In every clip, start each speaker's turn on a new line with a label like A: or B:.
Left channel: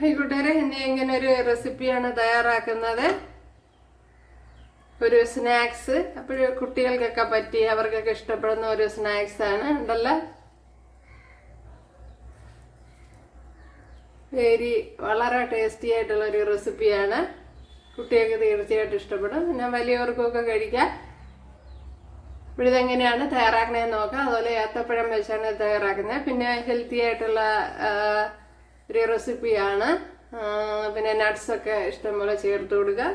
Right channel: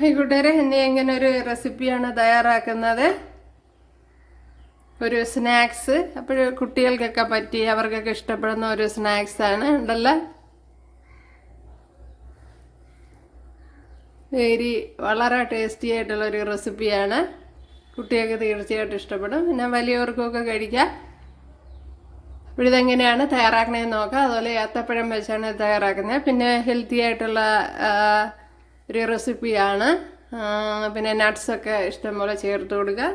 A: കൂട്ടുകാരെ ഇനി ഇങ്ങനെ ഒരു റെസിപ്പിയാണ് തയ്യാറാക്കുന്നത്? ഒരു സ്നാക്സ് അപ്പോൾ കുട്ടികൾക്കൊക്കെ പറ്റി അവർക്കൊക്കെ ഇഷ്ടപ്പെടുന്ന ഒരു സ്നാക്സ് ആണ് ഉണ്ടല്ലോ? വേരി വളരെ ടേസ്റ്റി ആയിട്ടുള്ള ഒരു റെസിപ്പിയാണ് കുട്ടികൾക്ക് തീർച്ചയായിട്ടും ഇഷ്ടപ്പെടും. പിന്നെ വലിയവർക്കൊക്കെ കഴിക്കാം. ഇവിടെ ഇതെങ്ങനെയാണ് തയ്യാറാക്കണേന്ന് നോക്കാം. അതുപോലെ ഏത്തപ്പഴം വെച്ചാണ് തയ്യാറാക്കുന്നത്. പിന്നെ ഹെൽത്തി ആയിട്ടുള്ള ഒരു റെസിപ്പിയാണ്. പിന്നെ നട്ട്സൊക്കെ ഇഷ്ടംപോലെ ചേർത്ത് കൊടുക്കുക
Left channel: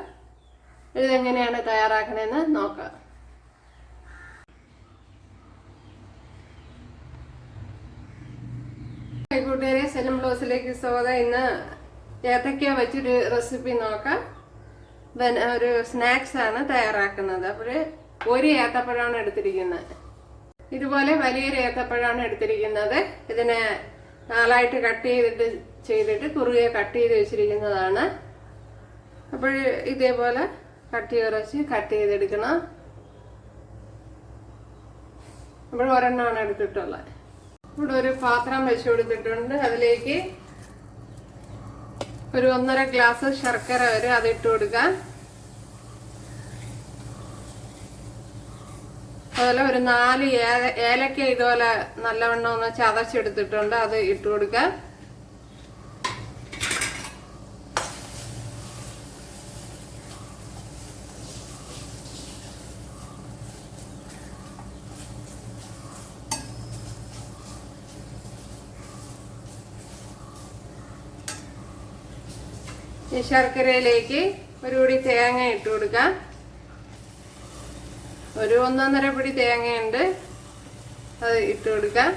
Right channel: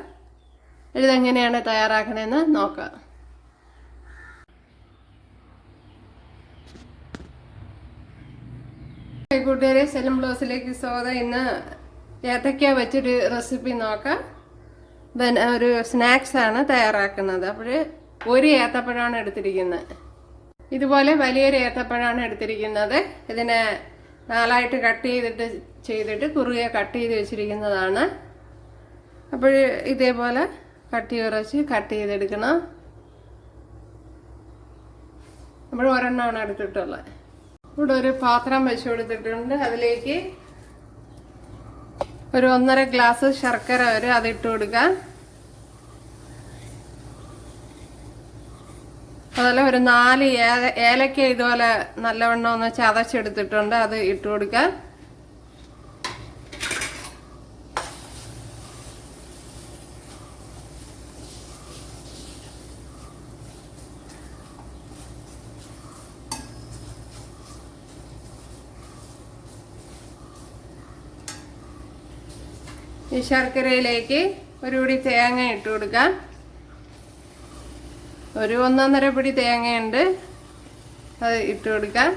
A: ഇതെങ്ങനെയാണ് തയ്യാറാക്കണമെന്ന് നോക്കാം. കൂട്ടുകാരെ സെലം ബ്ലൗസിലേക്ക് സ്വാഗതം. ഇന്ന് ഏത്തക്ക വെച്ചൊരു റെസിപ്പി നോക്കാം. ഒരു സ്നാക്സ് ആണ് തയ്യാറാക്കുന്നത്. അപ്പോൾ ഒരു ഏത്തപ്പഴമാണ് എടുത്തിരിക്കുന്നത് ഇതുപോലെ വലിയൊരു ഏത്തപ്പഴമാണ് എടുത്തിരിക്കുന്നത്. ഇതിനെ നാലായിട്ട് കട്ട് ചെയ്തിട്ട് ചെയ്തിട്ട് കുറുകെ കട്ട് ചെയ്ത് വെച്ചിരിക്കുന്നതാണ്. അപ്പോൾ ഇതേപോലെ കട്ടി ഉറച്ച് കട്ട് ചെയ്തെടുക്കണം. അപ്പോൾ ഒരെണ്ണമാണ് എടുത്തിട്ടുള്ളത്. ഇവിടെ ഒരു പാത്രം വെച്ച് കൊടുത്തിട്ടുണ്ട്. അതിലേക്ക് ഒരു ഒന്നര ഗ്ലാസ് ശർക്കര വരെ അതിട്ട് കൊടുക്കാം. അതുപോലെ ഒരു നാല് ഏലക്ക ഇതുപോലെ നല്ലവണ്ണം ഒന്ന് ചതച്ചെടുത്തിട്ടുണ്ട്. അത് ഇട്ട് കൊടുക്കാം. ശർക്കരയിലേക്ക് ഒരു കൂടി തേങ്ങ ഇട്ട് കൊടുക്കാം. ഒരു ഒന്നൊന്നര പിടി തേങ്ങയുണ്ട്. അത് ഇട്ട് കൊടുക്കാം.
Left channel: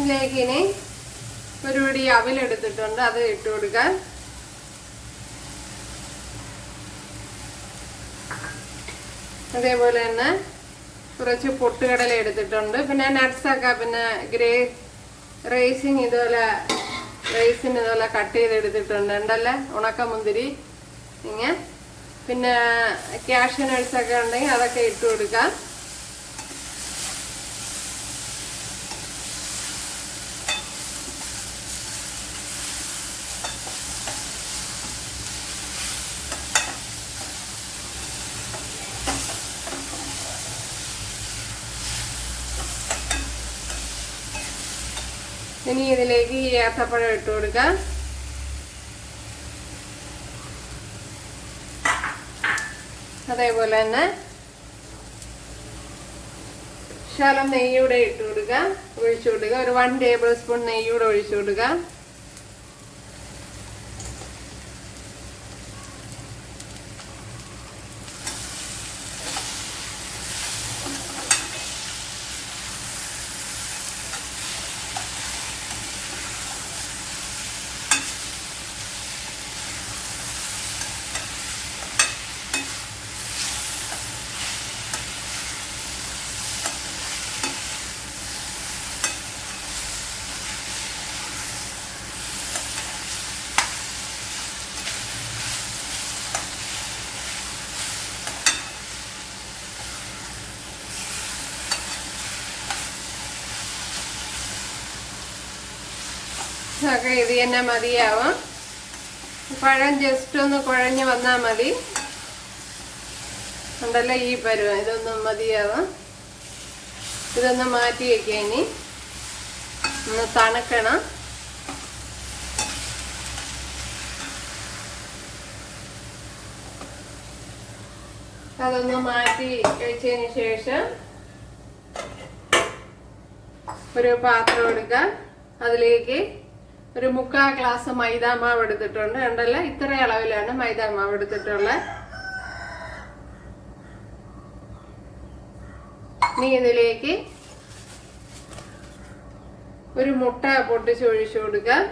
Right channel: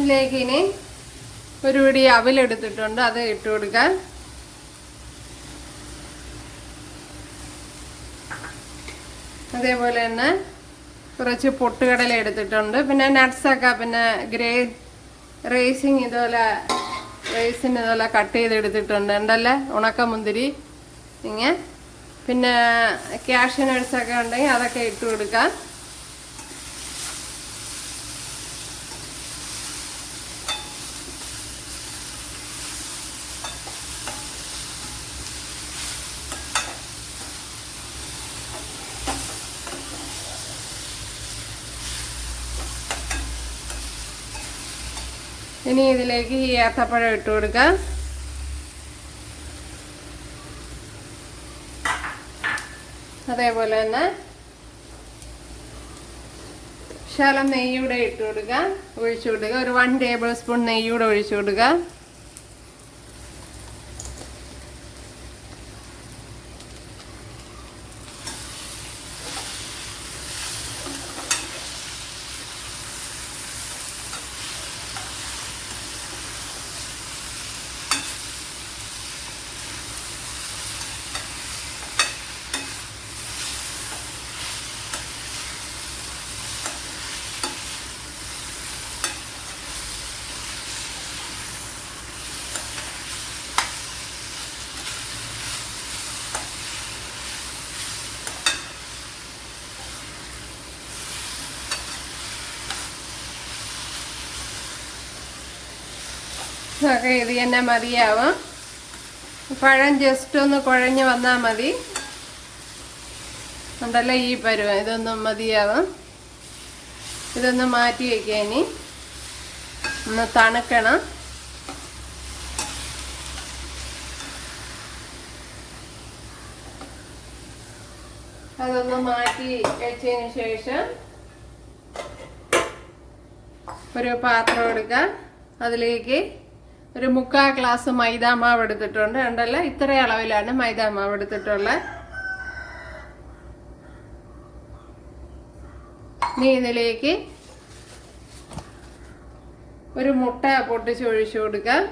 A: ഇതിലേക്ക് ഇനി ഒരു പിടി അവലെടുത്തിട്ടുണ്ട് അത് ഇട്ട് കൊടുക്കാൻ. അതേപോലെ തന്നെ കുറച്ച് പൊട്ടുകടല എടുത്തിട്ടുണ്ട്. പിന്നെ നട്ട്സൊക്കെ പിന്നെ ഗ്രേ റേസിങ് ഇതുപോലെ റേസിന് ഇതുപോലെ കട്ട് ചെയ്ത് എടുത്തിട്ടുണ്ട്. ഉണ്ടല്ലേ? ഉണക്കമുന്തിരി ഇങ്ങനെ. പിന്നെ ക്യാഷ് നട്ട്സൊക്കെ ഉണ്ടെങ്കിൽ അതൊക്കെ ഇട്ട് കൊടുക്കാം. ഇനി ഇതിലേക്ക് ഈ ഏത്തപ്പഴം ഇട്ട് കൊടുക്കാം. അതേപോലെ തന്നെ ശകലം നെയ്യൂടെ ഇട്ട് കൊടുക്കുക ഒഴിച്ചു കൊടുക്കുക. ഒരു വൺ ടേബിൾ സ്പൂൺ നെയ്യൂടെ ഒഴിച്ചു കൊടുക്കുക. ഒക്കെ ഇത് തന്നെ മതിയാവും. പഴം ജസ്റ്റ് ഒന്ന് കുഴഞ്ഞു വന്നാൽ മതി. ഉണ്ടല്ലോ ഈ പരുവം ഇതൊന്നും മതിയാവും. ഇതൊന്ന് മാറ്റി വയ്ക്കാൻ ഇനി. ഒന്ന് തണുക്കണം. അതൊന്ന് മാറ്റി വെച്ചതിന് ശേഷം ഒരു പാത്രം എടുക്കാം. അതിലേക്ക് ഒരു മുക്കാൽ ഗ്ലാസ് മൈദാ മാവ് എടുത്തിട്ടുണ്ട്. ഉണ്ടല്ലോ ഇത്ര അളവിലാണ് മൈദാ മാവ് എടുത്തിട്ടുള്ളത്. ഇനി ഇതിലേക്ക് ഒരു മുട്ട പൊട്ടിച്ച് ഒഴിച്ചു കൊടുക്കാം.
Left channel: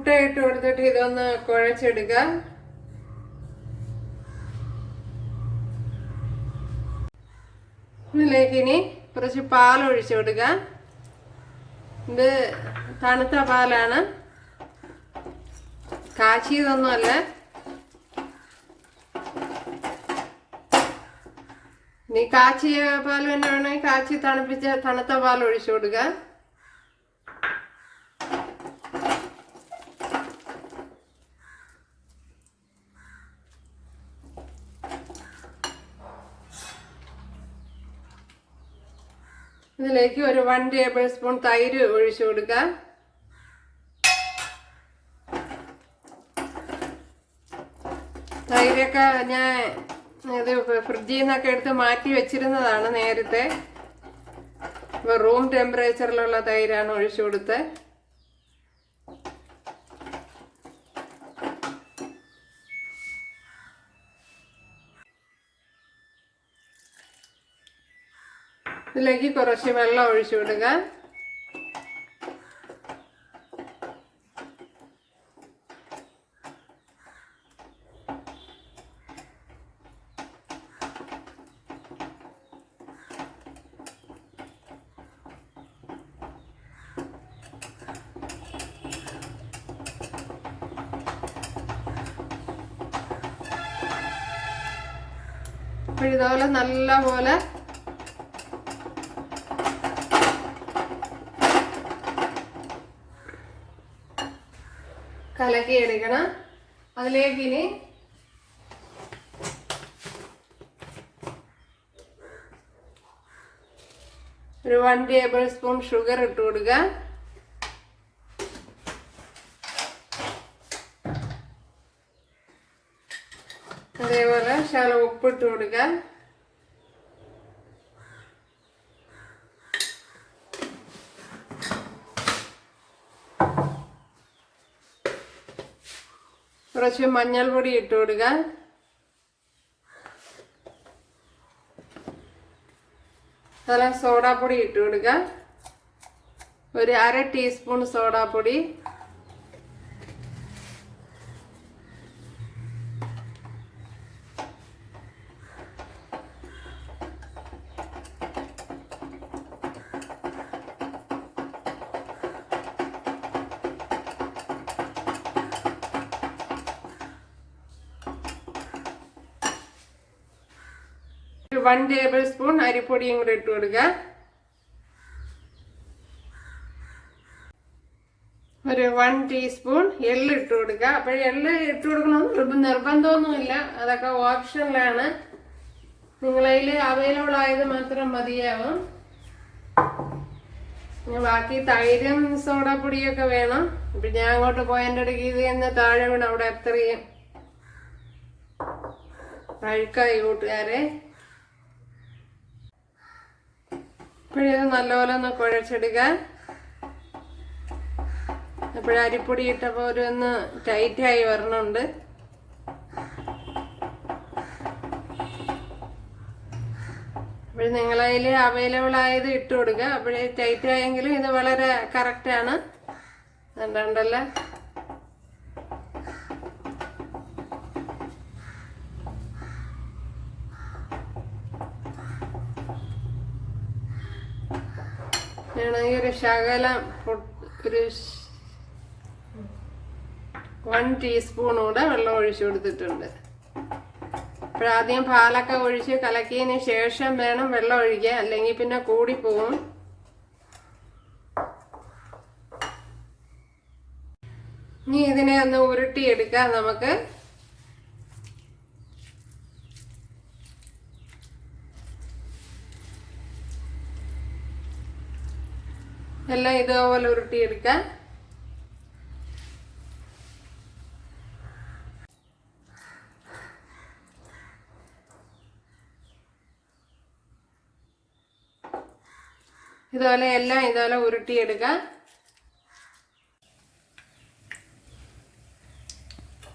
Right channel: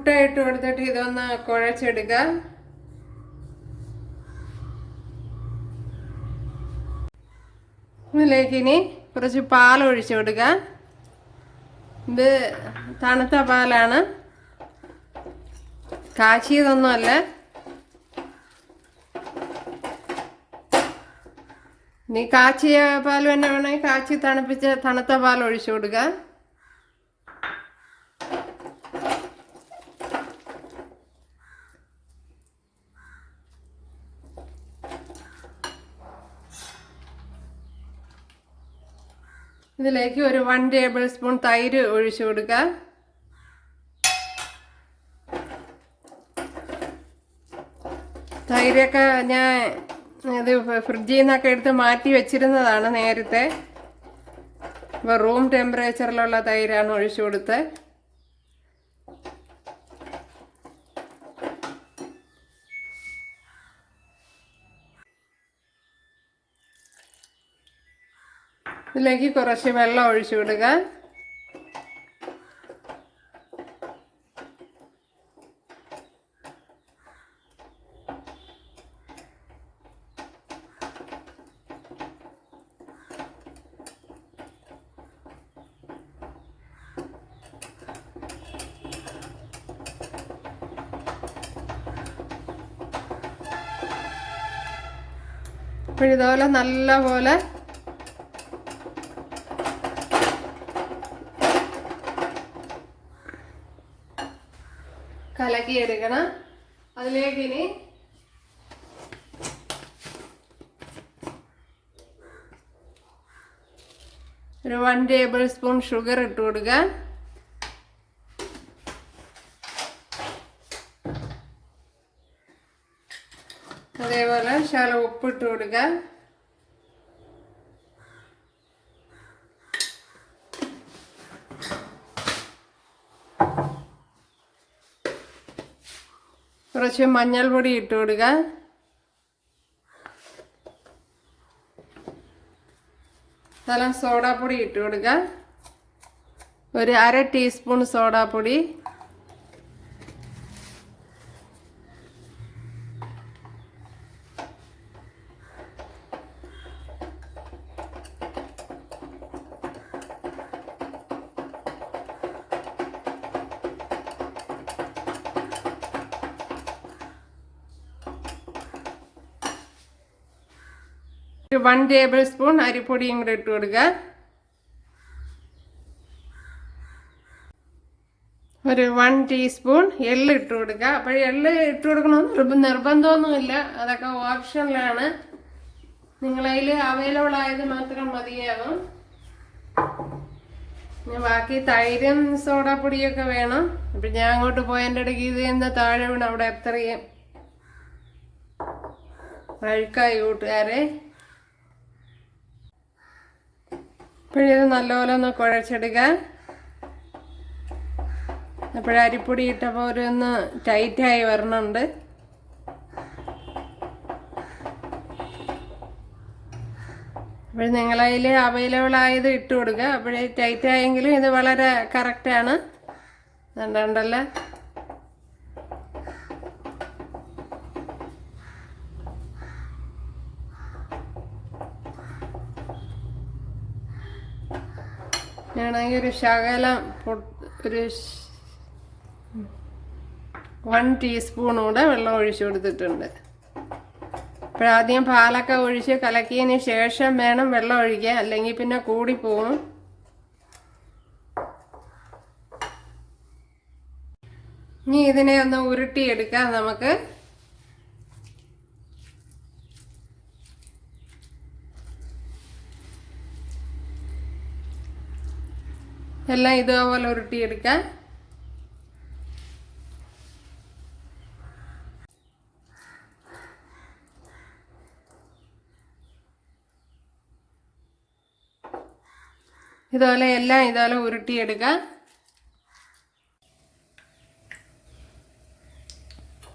A: മുട്ട ഇട്ട് കൊടുത്തിട്ട് ഇതൊന്ന് കുഴച്ചെടുക്ക. ഇതിലേക്ക് ഇനി കുറച്ച് പാൽ ഒഴിച്ചു കൊടുക്കുക ഇത് തണുത്ത പാലാണ്. കാച്ചിയതൊന്നുമല്ല. നീ കാച്ചിയ പാൽ തന്നെ വേണമെങ്കിൽ കാച്ചി തണുപ്പിച്ച തണുത്ത പാൽ ഒഴിച്ചു കൊടുക്കുക ഇതിലേക്ക് ഒരു വൺ ടേബിൾ സ്പൂൺ തൈര് ഒഴിച്ചു കൊടുക്കുക തൈരൊക്കെ ഞാൻ അത് ഫ്രിഡ്ജിൽ നിന്നൊക്കെ എടുത്ത് മാറ്റി വെച്ചിരുന്നതാണ് നേരത്തെ. ഇപ്പോൾ റൂം ടെമ്പറേച്ചറിലുള്ള തൈരാണ് ഒഴിച്ചു കൊടുത്തത്. ഇതിലേക്ക് കുറച്ച് വെള്ളം ഒഴിച്ചു വിടുക ഇതുപോലെ നല്ല പോലെ കലക്കി എടുക്കണം അതിലേക്ക് ഇനി ഒരു വൺ ടേബിൾ സ്പൂൺ ഷുഗർ ഇട്ട് കൊടുക്കുക അതേപോലെ ശകലം ഉപ്പിട്ട് കൊടുക്കുക കുറച്ച് മഞ്ഞൾപ്പൊടി ഇട്ട് കൊടുക്കുക നല്ല സോഡാപ്പൊടി ഇട്ട് കൊടുക്കുക ഒരു അര ടീസ്പൂൺ സോഡാപ്പൊടി. ടേബിൾ സ്പൂൺ അരിപ്പൊടിയും കൂടെ ഇട്ട് കൊടുക്കുക ഒരു വൺ ടീസ്പൂൺ എള്ള് ഇട്ട് കൊടുക്കുക അപ്പോൾ എള്ള് ഇട്ട് കൊടുക്കണമെന്ന് നിർബ- നിർബന്ധമൊന്നുമില്ല. അതൊക്കെ ഓപ്ഷനിലാണ് നിങ്ങളതിൽ അവൈലബിൾ ആയത് മാത്രം മതിയാവും. ബാക്കി തൈരും സോഡാപ്പൊടിയൊക്കെ വേണം. ഇപ്പം ഞാൻ അങ്ങോട്ട് പോയതിന്റെ ഇടയ്ക്ക് ഇത് എന്ന് താഴെ വീണ് അവിടെ എത്രയും അഴുക്കായി കൂട്ടുകാരെ. ഇപ്പോഴത് നല്ലപോലെ ഒന്ന് കുഴച്ചെടുക്കാൻ. അപ്പോഴേ അരിപ്പൊടി ഇട്ടപ്പോൾ ഒരു ഒന്ന് ടൈറ്റായി വരണുണ്ട്. അപ്പോൾ നിങ്ങളതിൽ അവൈലബിൾ ആയത് ഇട്ട് കൊടുക്കുക അപ്പോഴേ ടൈറ്റ് ആയെങ്കിലും ഇത് വളരെ കറക്റ്റാണ് കണ്ടല്ലോ? ഞാനാണെങ്കിൽ ഒരു ശകലം ഒരു വൺ ടീസ്പൂൺ കൂടെ വെള്ളം ഒഴിച്ചു കൊടുത്തിട്ടുണ്ട്. അപ്പോഴാദ്യം പാലൊക്കെ ഒഴിച്ച് കലക്കിയതിന് ശേഷം വേണം വെള്ളം ഒഴിക്കാൻ അല്ലെങ്കിൽ പിന്നെ കൂടിപ്പോവും ഇനി ഇതിനെ ഒന്ന് ഉരുട്ടിയെടുക്കാം നമുക്ക്. എല്ലാം ഇതേപോലെ ഉരുട്ടിയെടുക്കാൻ ഇതുപോലെ എല്ലാം ഇതുപോലെ ഉരുട്ടിയെടുക്കാം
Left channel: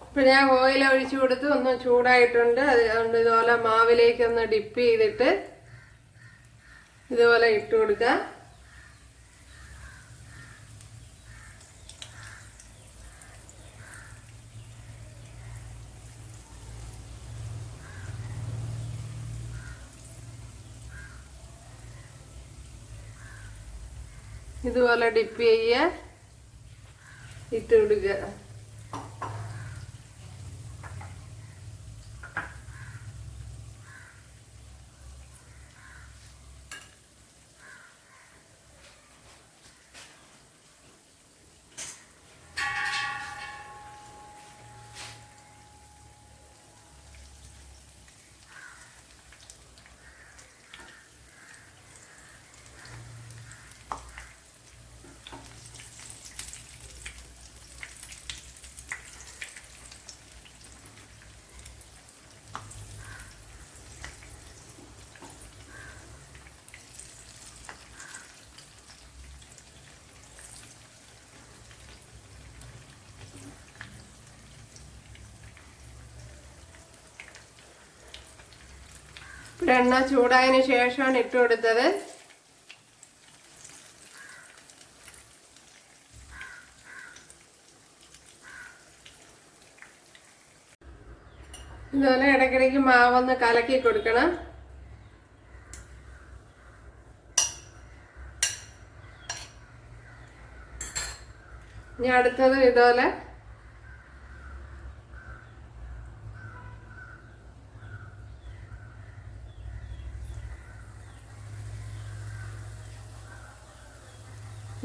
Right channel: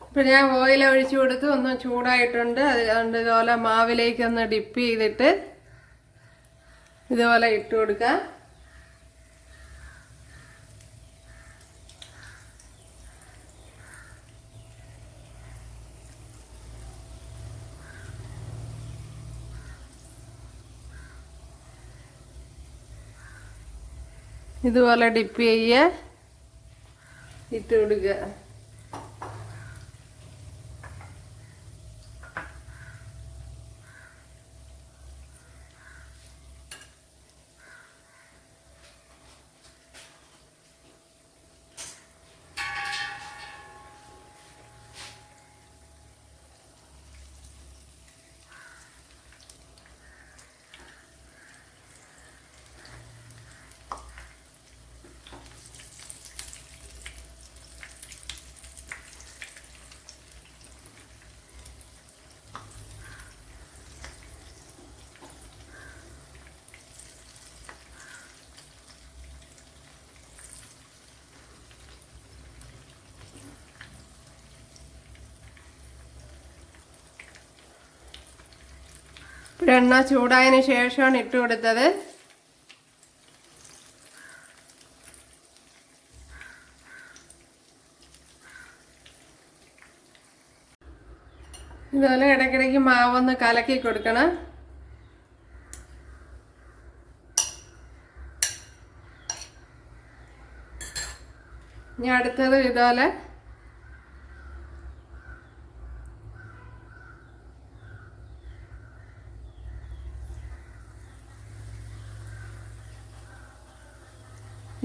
A: ഇപ്പം ഞാൻ ഓയിൽ ഒഴിച്ചു കൊടുത്ത് ഒന്ന് ചൂടായിട്ടുണ്ട്. അത് അതുകൊണ്ട് ഇതുപോലെ മാവിലേക്ക് ഒന്ന് ഡിപ്പ് ചെയ്തിട്ട് ഇതുപോലെ ഇട്ട് കൊടുക്കാം. ഇതുപോലെ ഡിപ്പ് ചെയ്യുക ഇട്ട് കൊടുക്കുക. ഇവിടെ എണ്ണ ചൂടായതിനു ശേഷമാണ് ഇട്ട് കൊടുത്തത്. ഇതുപോലെ ഇടയ്ക്കിടയ്ക്ക് മാവൊന്ന് കലക്കി കൊടുക്കണം. ഇനി അടുത്തത് ഇതുപോലെ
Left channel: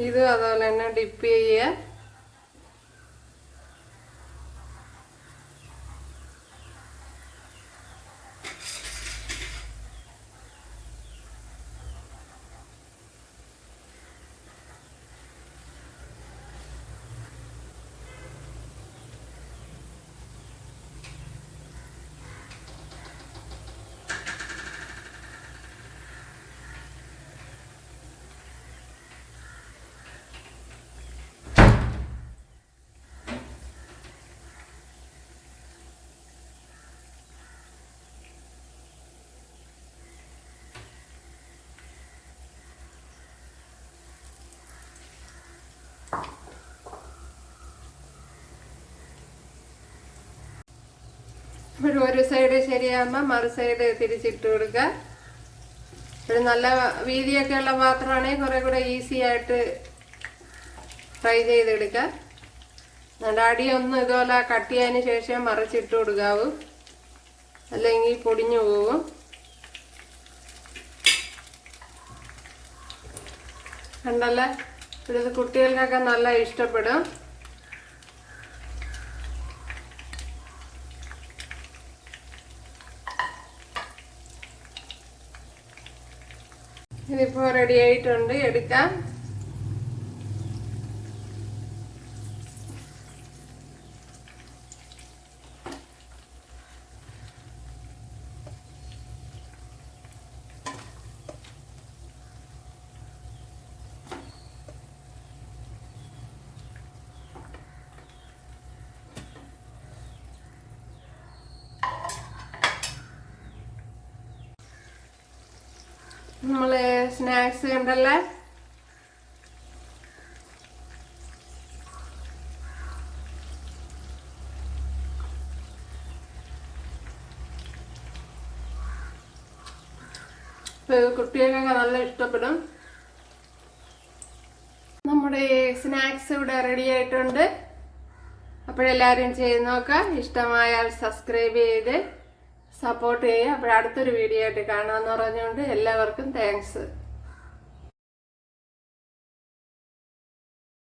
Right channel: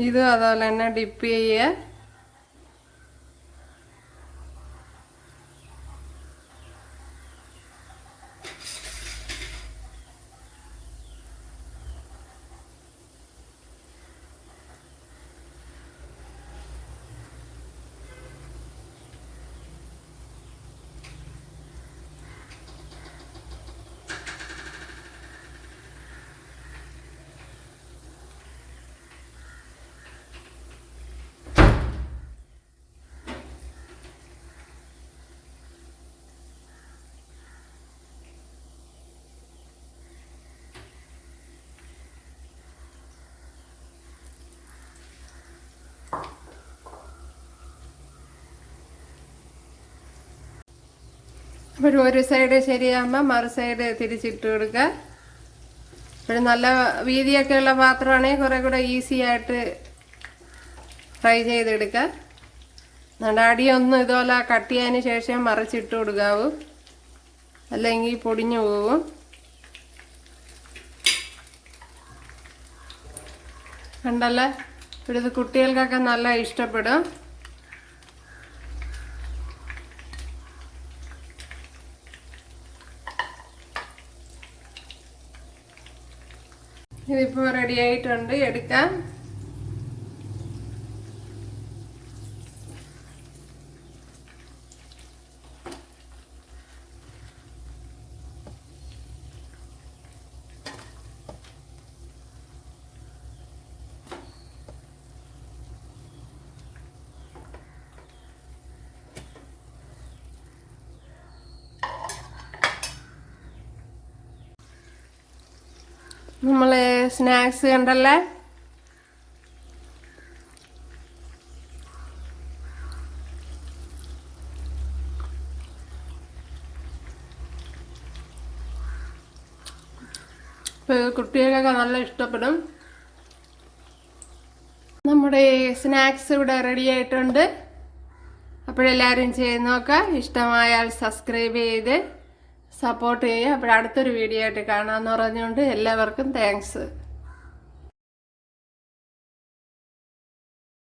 A: ഇതും അതുപോലെ തന്നെ ഡിപ്പ് ചെയ്യുക ഇപ്പോൾ ഒരു സൈഡ് ശരിയാകുമ്പോൾ മറു സൈഡ് തിരിച്ചിട്ട് കൊടുക്കുക. ഒരു നല്ല വീതിയൊക്കെ ഉള്ള പാത്രമാണെങ്കിൽ കുറേ കൂടെ ഈസി ആയിട്ട് ഫ്രൈ ചെയ്തെടുക്കുക. എന്നിട്ട് അടിയൊന്നും ഇതുപോലെ കട്ട് ചെയ്യാൻ ശേഷം മറിച്ചിട്ട് കൊടുക്കാവൂ. അല്ലെങ്കിൽ പൊടിഞ്ഞു പോകും കണ്ടല്ലേ? ഇവിടെ ഇത് കുട്ടികൾക്കൊക്കെ നല്ല ഇഷ്ടപ്പെടും. റെഡി ആയിട്ടുണ്ട്. എടുക്കാം. നമ്മൾ സ്നാക്സ് കണ്ടല്ലേ? കുട്ടികൾക്കൊക്കെ നല്ല ഇഷ്ടപ്പെടും. നമ്മുടെ സ്നാക്സ് ഇവിടെ റെഡി ആയിട്ടുണ്ട്. അപ്പോഴെല്ലാവരും ചെയ്ത് നോക്കാം. ഇഷ്ടമായാൽ സബ്സ്ക്രൈബ് ചെയ്ത്. സപ്പോർട്ട് ചെയ്യുക. അപ്പോൾ അടുത്തൊരു വീഡിയോ ആയിട്ട് കാണാമെന്ന് പറഞ്ഞുകൊണ്ട് എല്ലാവർക്കും താങ്ക്സ്